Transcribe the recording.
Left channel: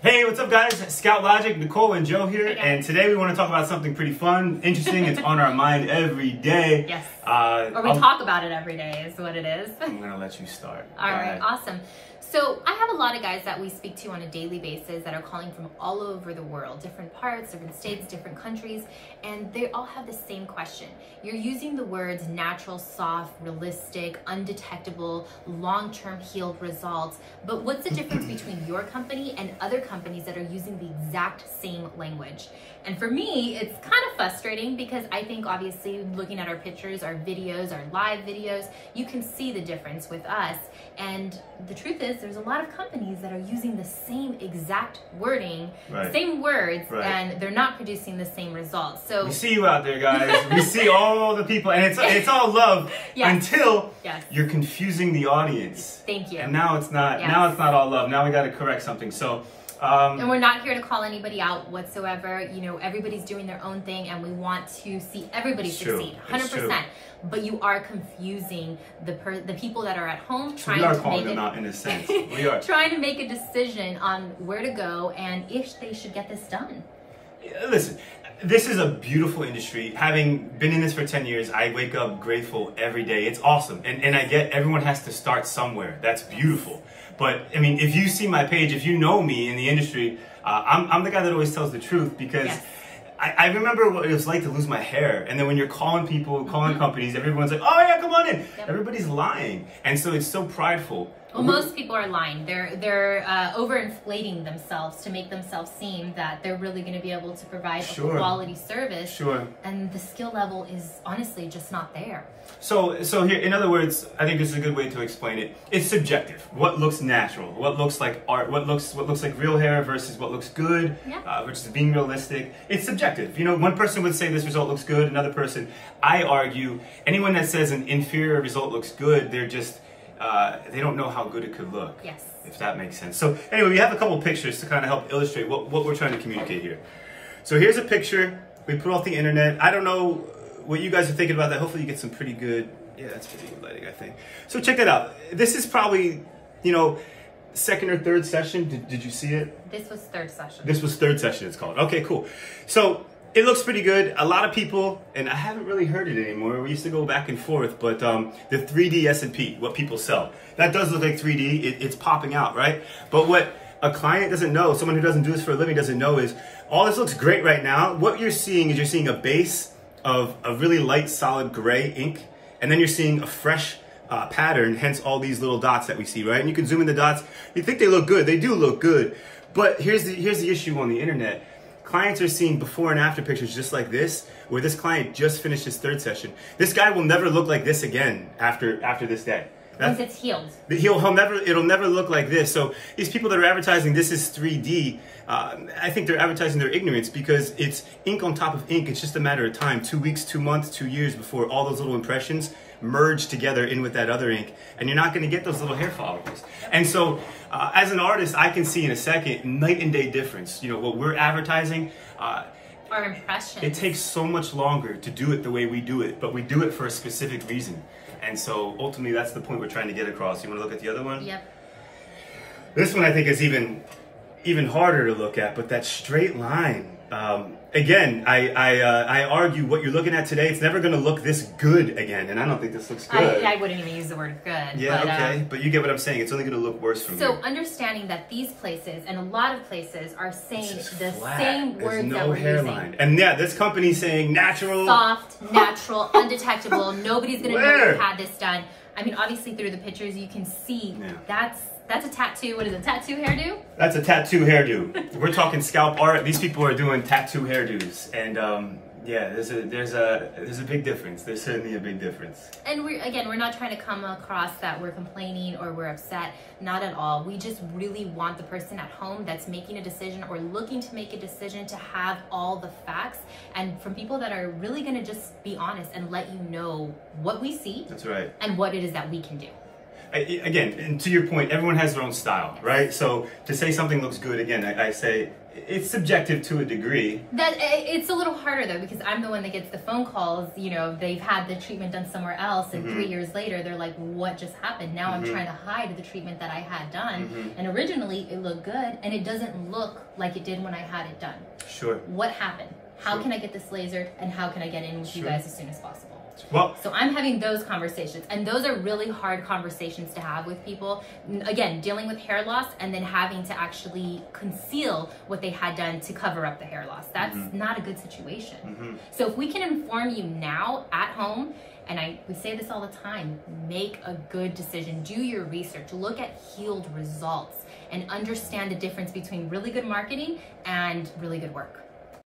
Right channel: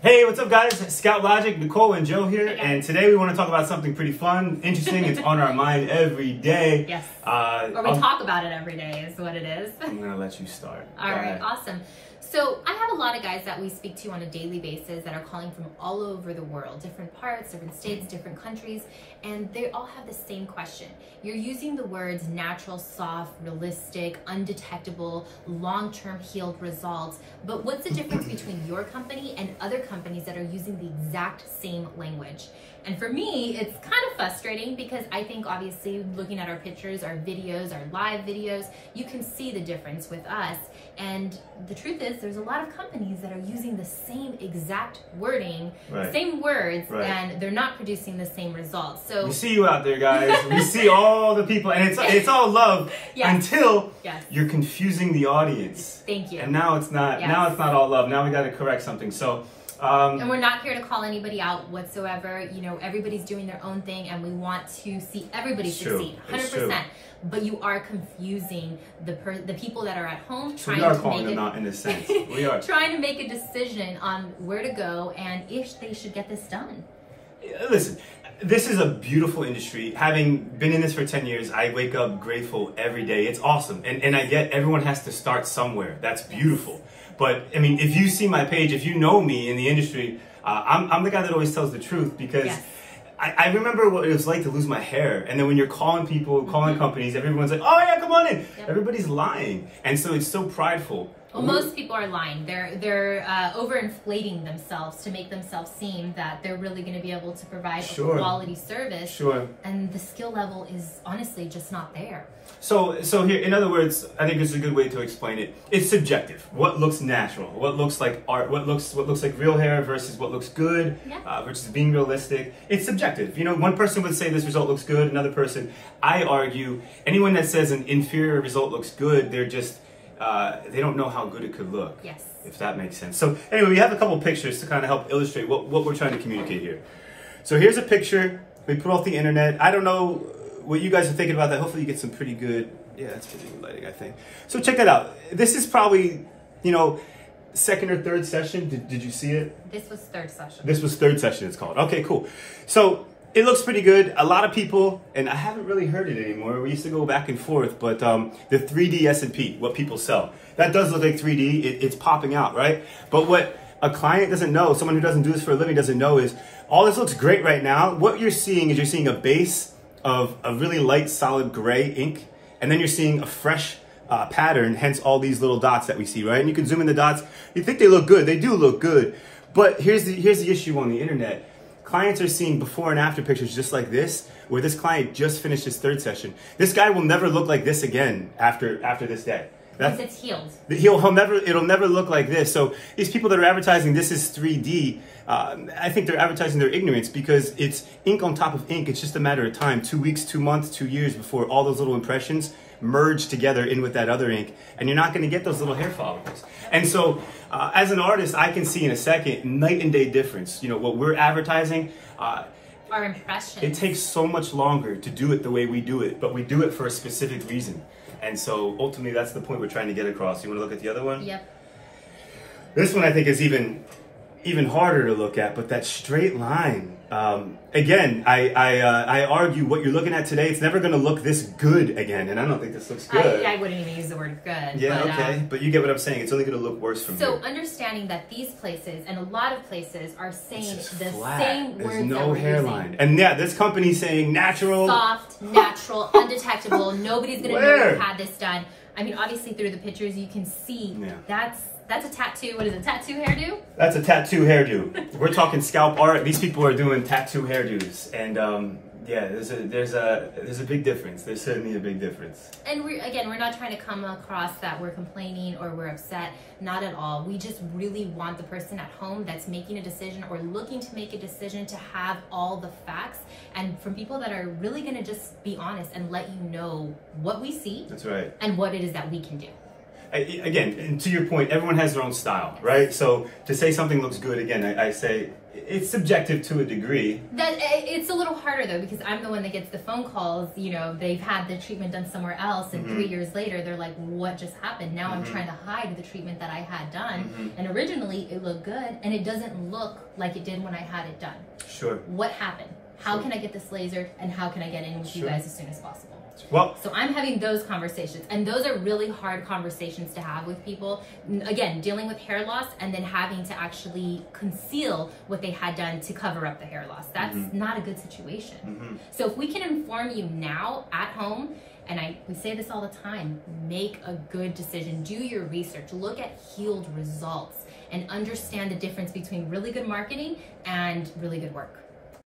Hey, what's up guys? Scalp Logic, Nicole and Joe here, and today we want to talk about something pretty fun, interesting. It's on our mind every day. Yes. Or we talk about it every day is what it is. I'm going to let you start. All right, awesome. So I have a lot of guys that we speak to on a daily basis that are calling from all over the world, different parts, different states, different countries, and they all have the same question. You're using the words natural, soft, realistic, undetectable, long-term healed results, but what's the difference between your company and other companies that are using the exact same language? And for me, it's kind of frustrating because I think obviously looking at our pictures, our videos, our live videos, you can see the difference with us. And the truth is there's a lot of companies that are using the same exact wording, the same words, and they're not producing the same results. So we see you out there, guys. We see all the people, and it's all love until you're confusing the audience. Thank you. And now it's not now it's not all love. Now we got to correct something. So and we're not here to call anybody out whatsoever. You know, everybody's doing their own thing and we want to see everybody succeed, 100%. But you are confusing the people that are at home. So we are calling them out in a sense. We are trying to make a decision on where to go and if they should get this done. Listen, this is a beautiful industry. Having been in this for 10 years, I wake up grateful every day. It's awesome. And I get everyone has to start somewhere. That's beautiful. But I mean, if you see my page, if you know me in the industry, I'm the guy that always tells the truth because I remember what it was like to lose my hair. And then when you're calling people, calling companies, everyone's like, oh yeah, come on in. Everybody's lying. And so it's so prideful. Well, most people are lying. They're overinflating themselves to make themselves seem that they're really going to be able to provide a quality service. And the skill level is honestly just not there. So here, in other words, I think this is a good way to explain it. It's subjective. What looks natural? What looks like art? What looks like real hair versus what looks good versus being realistic? It's subjective. You know, one person would say this result looks good. Another person, I argue, anyone that says an inferior result looks good, they're just they don't know how good it could look. Yes. If that makes sense. So anyway, we have a couple pictures to kind of help illustrate what we're trying to communicate here. So here's a picture we put off the internet. I don't know what you guys are thinking about that. Hopefully you get some pretty good, that's pretty good lighting, I think. So check that out. This is probably, you know, second or third session. Did you see it? This was third session. This was third session, it's called. Okay, cool. So it looks pretty good. A lot of people, and I haven't really heard it anymore. We used to go back and forth, but the 3D S&P, what people sell, that does look like 3D. It's popping out, right? But what a client doesn't know, someone who doesn't do this for a living doesn't know is, all this looks great right now. What you're seeing is you're seeing a base of a really light, solid gray ink, and then you're seeing a fresh pattern, hence all these little dots that we see, right? And you can zoom in the dots. You think they look good. They do look good. But here's the issue on the internet. Clients are seeing before and after pictures just like this, where this client just finished his third session. This guy will never look like this again after this day. Because it's healed. It'll never look like this. So these people that are advertising this is 3D, I think they're advertising their ignorance because it's ink on top of ink. It's just a matter of time, 2 weeks, 2 months, 2 years before all those little impressions merge together in with that other ink. And you're not going to get those little hair follicles. And so as an artist, I can see in a second, night and day difference. You know, what we're advertising, our impressions. It takes so much longer to do it the way we do it, but we do it for a specific reason. And so ultimately that's the point we're trying to get across. You want to look at the other one? Yep. This one I think is even harder to look at, but that straight line. Again, I argue what you're looking at today, it's never going to look this good again, and I don't think this looks good. I wouldn't even use the word good. Yeah, but, okay, but you get what I'm saying. It's only going to look worse from here. So understanding that these places and a lot of places are saying the same words that we're hairline. Using. And yeah, this company's saying natural. Soft, natural, undetectable. Nobody's going to know you had this done. I mean, obviously through the pictures you can see that's a tattoo. What is it? Tattoo hairdo? That's a tattoo hairdo. We're talking scalp art. These people are doing tattoo hairdos, and yeah, there's a big difference. There's certainly a big difference. And we're not trying to come across that we're complaining or we're upset. Not at all. We just really want the person at home that's making a decision or looking to make a decision to have all the facts, and from people that are really going to just be honest and let you know what we see. That's right. And what it is that we can do. again, and to your point, everyone has their own style, right? So to say something looks good, again, I say it's subjective to a degree. That it's a little harder though, because I'm the one that gets the phone calls. You know, they've had the treatment done somewhere else, and 3 years later, they're like, "What just happened?" Now I'm trying to hide the treatment that I had done, and originally it looked good, and it doesn't look like it did when I had it done. Sure. What happened? How can I get this lasered, and how can I get in with you guys as soon as possible? Well, so I'm having those conversations, and those are really hard conversations to have with people. Again, dealing with hair loss and then having to actually conceal what they had done to cover up the hair loss. That's not a good situation. So if we can inform you now at home, and we say this all the time, make a good decision, do your research, look at healed results, and understand the difference between really good marketing and really good work.